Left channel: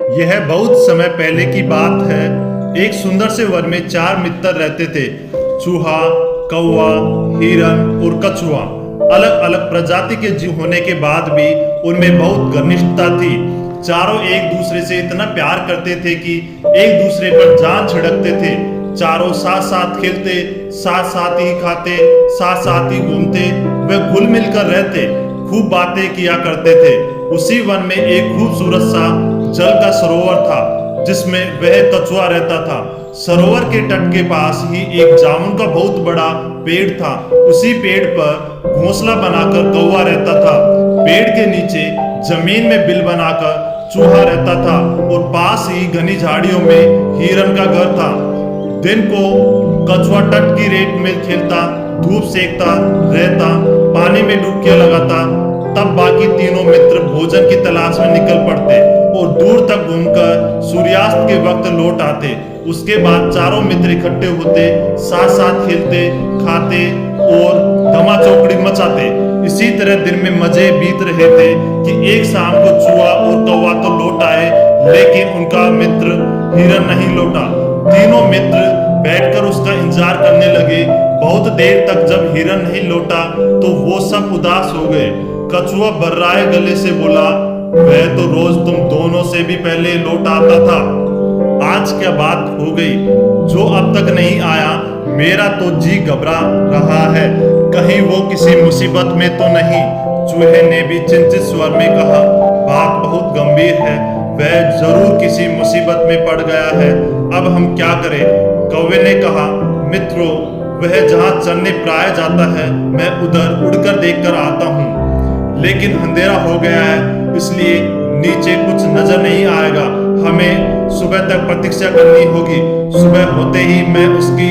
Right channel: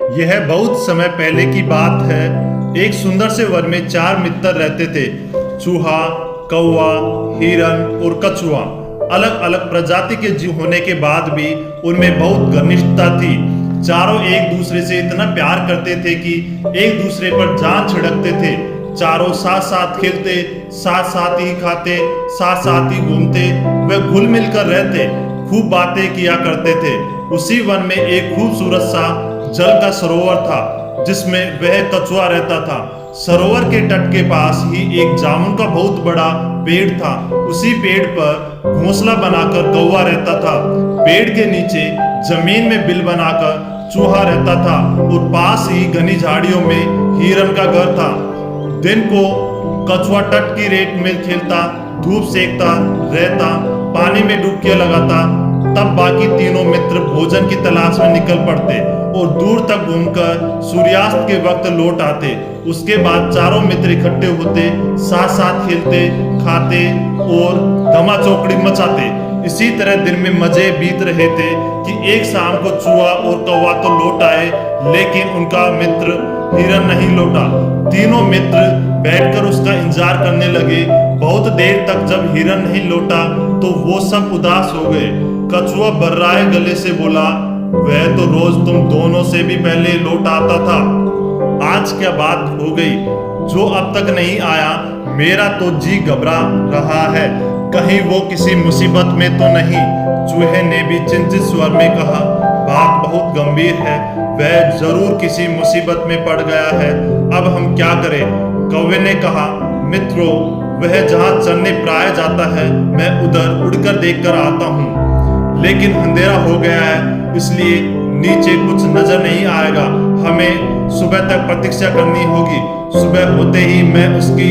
यह बहुत समय पहले की बात है। एक सुंदर से वन में चार मित्र रहते थे। चूहा, कौवा, हिरन और कछुआ। अलग अलग प्रजाति के जीव होने के बाद भी उनमें बहुत घनिष्ठता थी। चारों एक दूसरे से इतना प्यार करते थे कि एक दूसरे पर जान छिड़कते थे। चारों साथ साथ खेलते, साथ साथ ही खाते, साथ साथ ही घूमते, वे घुल मिल कर रहते, खूब बातें किया करते थे। उसी वन में एक खूबसूरत सा जल का सरोवर था जिसमें वह कछुआ रहता था। सरोवर के तट के पास ही एक जामुन का बहुत बड़ा पेड़ था। उसी पेड़ पर घोंसला बनाकर कौवा रहता था। पेड़ के नीचे जमीन में बिल बनाकर चूहा रहता था और पास ही घनी झाड़ियों में हिरन का घर था। दिन को कछुआ तट की रेत में खेलता, धूप सेकता रहता, पानी में डुबकियां लगाता। तब बाकी तीनों मित्र भोजन की तलाश में निकल पड़ते और दूर तक घूमकर सूर्यास्त के वक्त लौट आते। उसके बाद चारों मित्र इकट्ठे होते, साथ साथ खेलते, खाते और धमा चौकड़ी मचाते। इसी तरह दिन में मजे बीत रहे थे कि एक शाम को चूहा और कौवा तो लौट आए, लेकिन उनका मित्र हिरन नहीं लौटा। तीनों मित्र बैठकर उसका इंतजार करने लगे। बहुत देर तक जब हिरन नहीं लौटा तो वो सब उदास हो गए। कछुआ बर्राए गले से बोला, वह तो रोज तुम दोनों से भी पहले लौट आता था, आज क्या बात हो गई जो अब तक नहीं आया? मेरा तो जी घबरा रहा है, कहीं वो किसी मुसीबत में तो नहीं? चूहे ने भी चिंतित स्वर में कहा, बात बहुत गंभीर है, वह जरूर किसी मुसीबत में पड़ गया है, अब हम क्या करें? कौवे ने कहा, मित्रों, वह जहां चरने प्राय जाता है, मैं उधर उड़कर देखकर आता हूँ, लेकिन अंधेरा हो गया है, इसलिए नीचे कुछ नजर नहीं आएगा। हमें सुबह तक प्रतीक्षा करनी होगी। सुबह होते ही मैं उसकी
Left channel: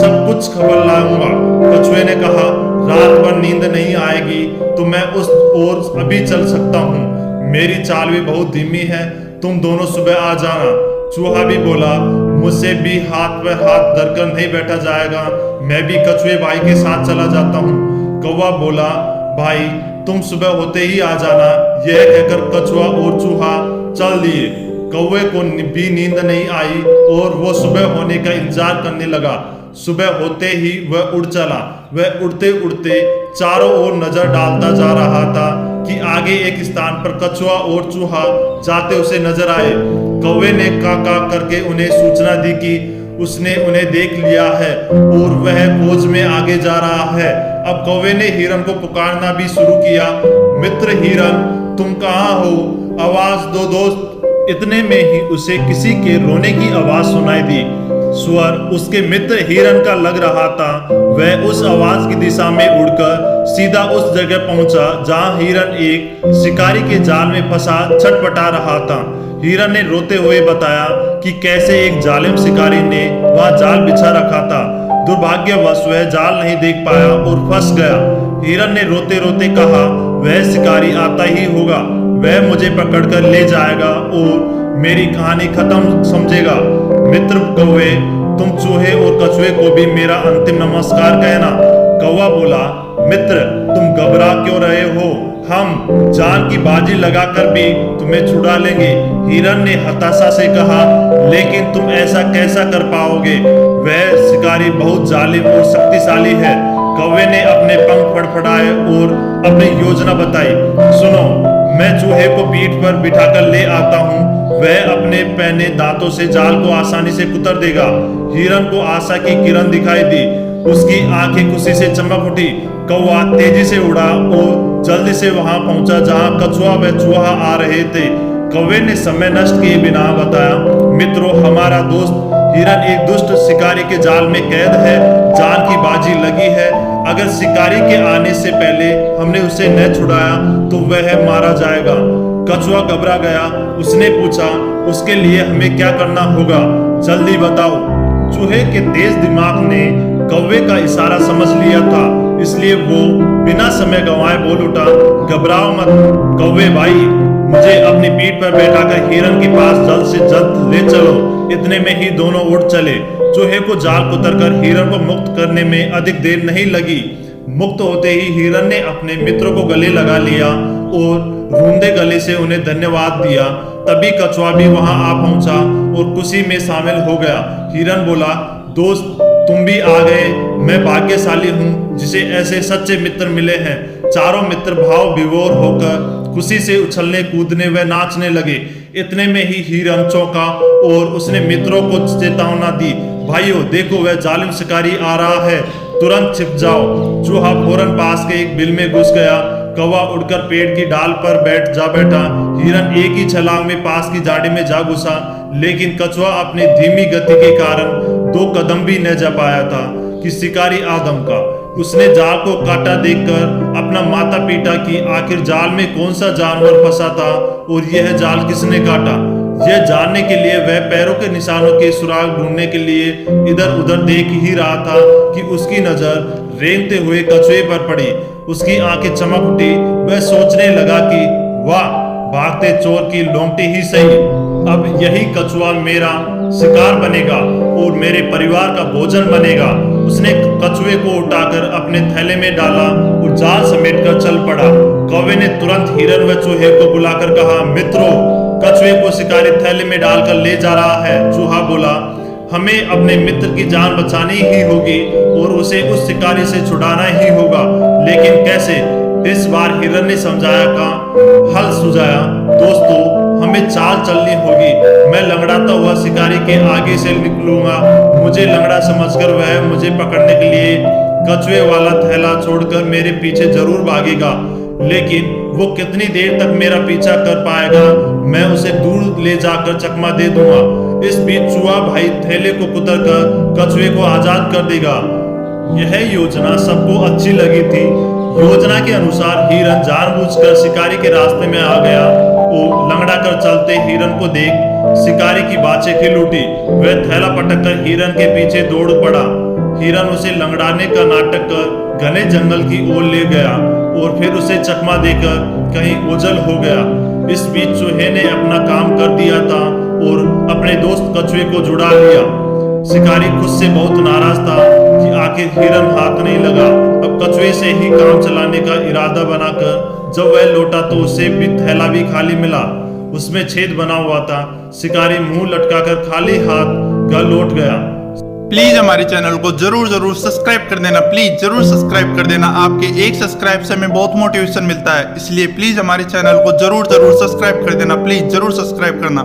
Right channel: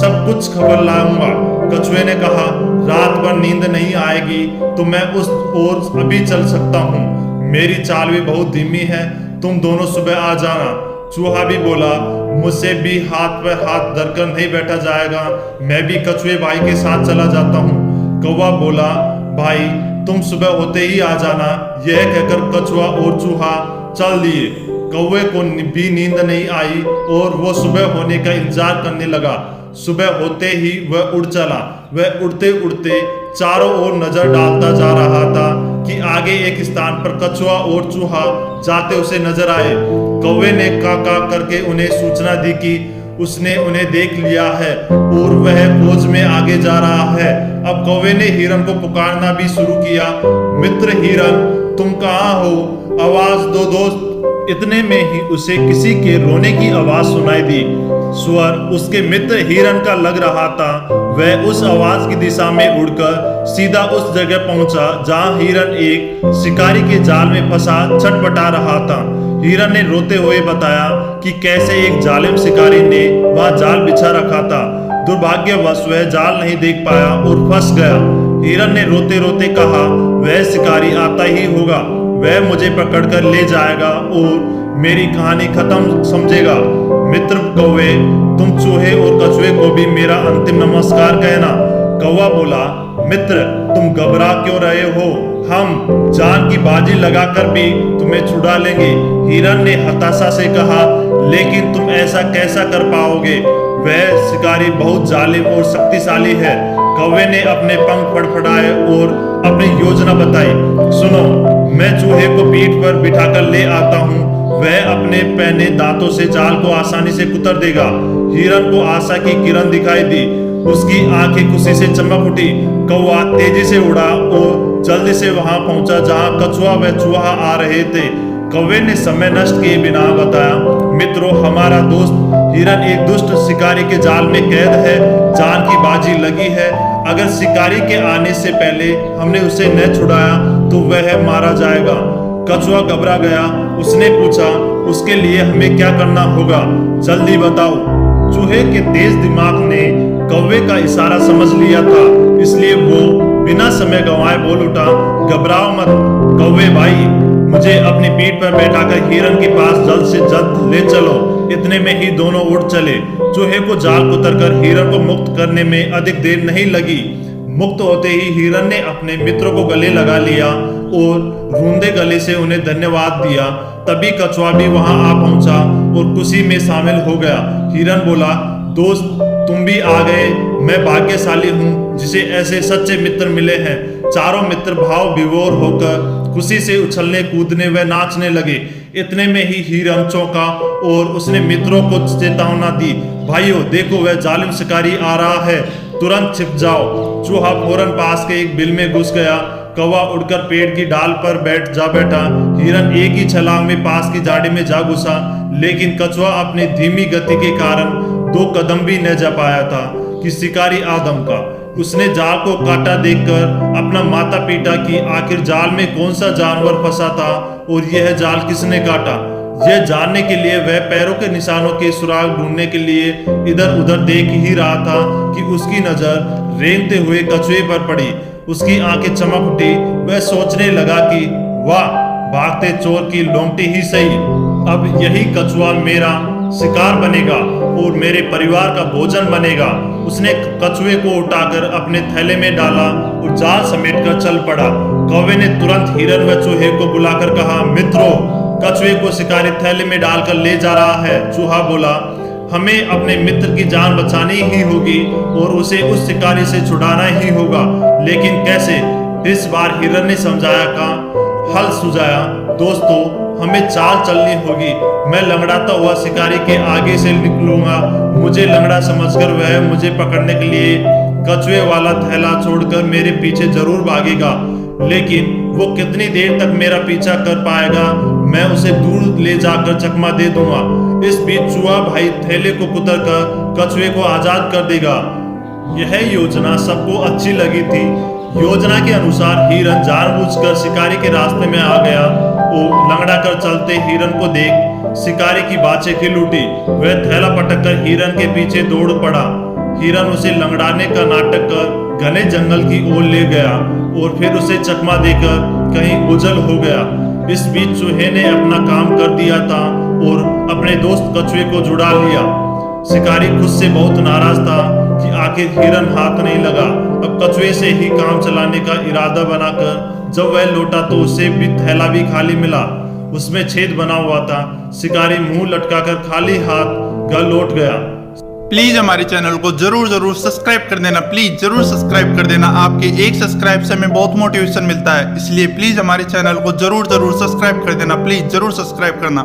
सब कुछ खबर लाऊंगा। कछुए ने कहा, रात भर नींद नहीं आएगी तो मैं उस ओर अभी चल सकता हूँ। मेरी चाल भी बहुत धीमी है, तुम दोनों सुबह आ जाना। चूहा भी बोला, मुझसे भी हाथ पे हाथ धरकर नहीं बैठा जाएगा, मैं भी कछुए भाई के साथ चला जाता हूँ। कौवा बोला, भाई तुम सुबह होते ही आ जाना। यह कहकर कछुआ और चूहा चल दिए। कौवे को भी नींद नहीं आई और वो सुबह होने का इंतजार करने लगा। सुबह होते ही वह उड़ चला। वह उड़ते उड़ते चारों ओर नजर डालता जा रहा था कि आगे एक स्थान पर कछुआ और चूहा जाते उसे नजर आए। कौवे ने का करके उन्हें सूचना दी कि उसने उन्हें देख लिया है और वह खोज में आगे जा रहा है। अब कौवे ने हिरन को पुकारना भी शुरू किया, मित्र हिरन, तुम कहाँ हो? आवाज दो दोस्त। इतने में ही उसे किसी के रोने की आवाज सुनाई दी। स्वर उसके मित्र हिरन का लग रहा था। वह उस आवाज की दिशा में उड़कर सीधा उस जगह पहुंचा जहां हिरन एक शिकारी के जाल में फंसा छटपटा रहा था। हिरन ने रोते हुए बताया कि कैसे एक जालिम शिकारी ने वहां जाल बिछा रखा था। दुर्भाग्यवश वह जाल नहीं देख पाया और फंस गया। हिरन ने रोते रोते कहा, वह शिकारी आता ही होगा, वह मुझे पकड़कर ले जाएगा और मेरी कहानी खत्म समझेगा। मित्र कौवे, तुम चूहे और कछुए को भी मेरा अंतिम नमस्कार कहना। कौवा बोला, मित्र तुम घबरा क्यों रहे हो? हम जान की बाजी लगाकर भी तुम्हें छुड़ा लेंगे। हिरन ने हताशा से कहा, लेकिन तुम ऐसा कैसा कर पाओगे? वह शिकारी बहुत जालिम और शक्तिशाली है। कौवे ने अपने पंख फड़फड़ाए और अपनी योजना बताई। सुनो, मैं चूहे को पीठ पर बिठाकर ले आता हूँ, वह अपने पहने दांतों से जाल को आसानी से कुतर देगा। हिरन को आशा की किरण दिखाई दी, उसकी आंखें खुशी से चमक उठी। कौवा तेजी से उड़ा और जल्दी से वहां पहुंचा जहां कछुआ व चूहा आ रहे थे। कौवे ने समय नष्ट किए बिना बताया, मित्रों, हमारा दोस्त हिरन एक दुष्ट शिकारी के जाल में कैद है, जान की बाजी लगी है। अगर शिकारी के आने से पहले हमने उसे न छुड़ाया तो वह मारा जाएगा। कछुआ घबरा गया। उसने पूछा, उसके लिए हमें क्या करना होगा? जल्दी बताओ। चूहे के तेज दिमाग ने कौवे का इशारा समझ लिया था, इसलिए वो बिना समय गंवाए बोल उठा, घबराओ मत कौवे भाई, मुझे अपनी पीठ पर बैठाकर हिरन के पास जल्द से जल्द ले चलो। इतने में ही दोनों उड़ चले। चूहे को जाल उतरकर हिरन को मुक्त करने में अधिक देर नहीं लगी। मुक्त होते ही हिरन ने अपने मित्र को गले लगा लिया और रूंधे गले से उन्हें धन्यवाद दिया। तभी कछुआ भी वहां आ पहुंचा और खुशी में शामिल हो गया। हिरन बोला, दोस्त तुम भी आ गए, मैं भाग्यशाली हूँ जिसे ऐसे सच्चे मित्र मिले हैं। चारों मित्र भाव विभोर होकर खुशी से उछलने कूदने व नाचने लगे। इतने में ही हिरन चौंका और उसने मित्रों को चेतावना दी, भाइयों देखो वह जालिम शिकारी आ रहा है, तुरंत छिप जाओ। चूहा फौरन पास के एक बिल में घुस गया। कौवा उड़कर पेड़ की डाल पर बैठा। हिरन एक ही छलांग में पास की झाड़ी में जा घुसा, लेकिन कछुआ अपनी धीमी गति के कारण 2 कदम भी न जा पाया था कि शिकारी आदम का। उसने जाल को काटा देखकर अपना माथा पीटा कि आखिर जाल में कौन सा जानवर फंसा था और यह जाल किसने काटा। यह जानने के लिए वह पैरों के निशानों के सुराग ढूंढने के लिए इधर उधर देख ही रहा था कि उसकी नजर रेंगते हुए कछुए पर पड़ी। उसकी आंखें चमक उठी। वह सोचने लगा कि वाह, भागते चोर की लौंगटी ही सही, अब यही कछुआ मेरा शिकार बनेगा और मेरे परिवार का भोजन बनेगा। उसने कछुए को उठाकर अपने थैले में डाला और जाल समेटकर चल पड़ा। कौवे ने तुरंत हिरन व चूहे को बुलाकर कहा, मित्रों कछुए को शिकारी थैले में डालकर ले जा रहा है। चूहा बोला, हमें अपने मित्र की जान बचानी ही होगी और उसे उस शिकारी से छुड़ाना ही होगा, लेकिन कैसे? इस बार हिरन ने समझाया का हल सुझाया, दोस्तों हमें चाल चलनी होगी। मैं लंगड़ाता हुआ शिकारी के आगे से निकलूंगा। मुझे लंगड़ा समझकर वह मुझे पकड़ने के लिए कछुए वाला थैला छोड़कर मेरे पीछे जरूर भागेगा, लेकिन वो कितनी देर तक मेरा पीछा कर पाएगा, मैं उसे दूर ले जाकर चकमा दे दूंगा। इस बीच चूहा भाई थैले को कुतरकर कछुए को आजाद कर देगा। यह योजना सबको अच्छी लगी थी। योजना के अनुसार हिरन जानबूझकर शिकारी के रास्ते में आ गया और लंगड़ा कर चलते हिरन को देख शिकारी की बाछें खिल उठी। वह थैला पटककर हिरन के पीछे दौड़ पड़ा। हिरन उसे लंगड़ाने का नाटक कर घने जंगल की ओर ले गया और फिर उसे चकमा देकर कहीं ओझल हो गया। इस बीच चूहे ने अपना काम कर दिया था और अपने दोस्त कछुए को जुड़ा लिया। शिकारी खुद से बहुत नाराज था कि आखिर हिरन हाथ नहीं लगा। अब कछुए से ही काम चलाने का इरादा बनाकर जब वह लौटा तो उसे भी थैला भी खाली मिला। उसमें छेद बना हुआ था। शिकारी मुंह लटकाकर खाली हाथ घर लौट गया। प्लीज हमारे चैनल को जरूर सब्सक्राइब कर देना। प्लीज जरूर सब्सक्राइब कर देना। आपके एक सब्सक्राइब से हमें बहुत मोटिवेशन मिलता है, इसलिए प्लीज हमारे चैनल को जरूर सब्सक्राइब कर देना। प्लीज जरूर सब्सक्राइब करना।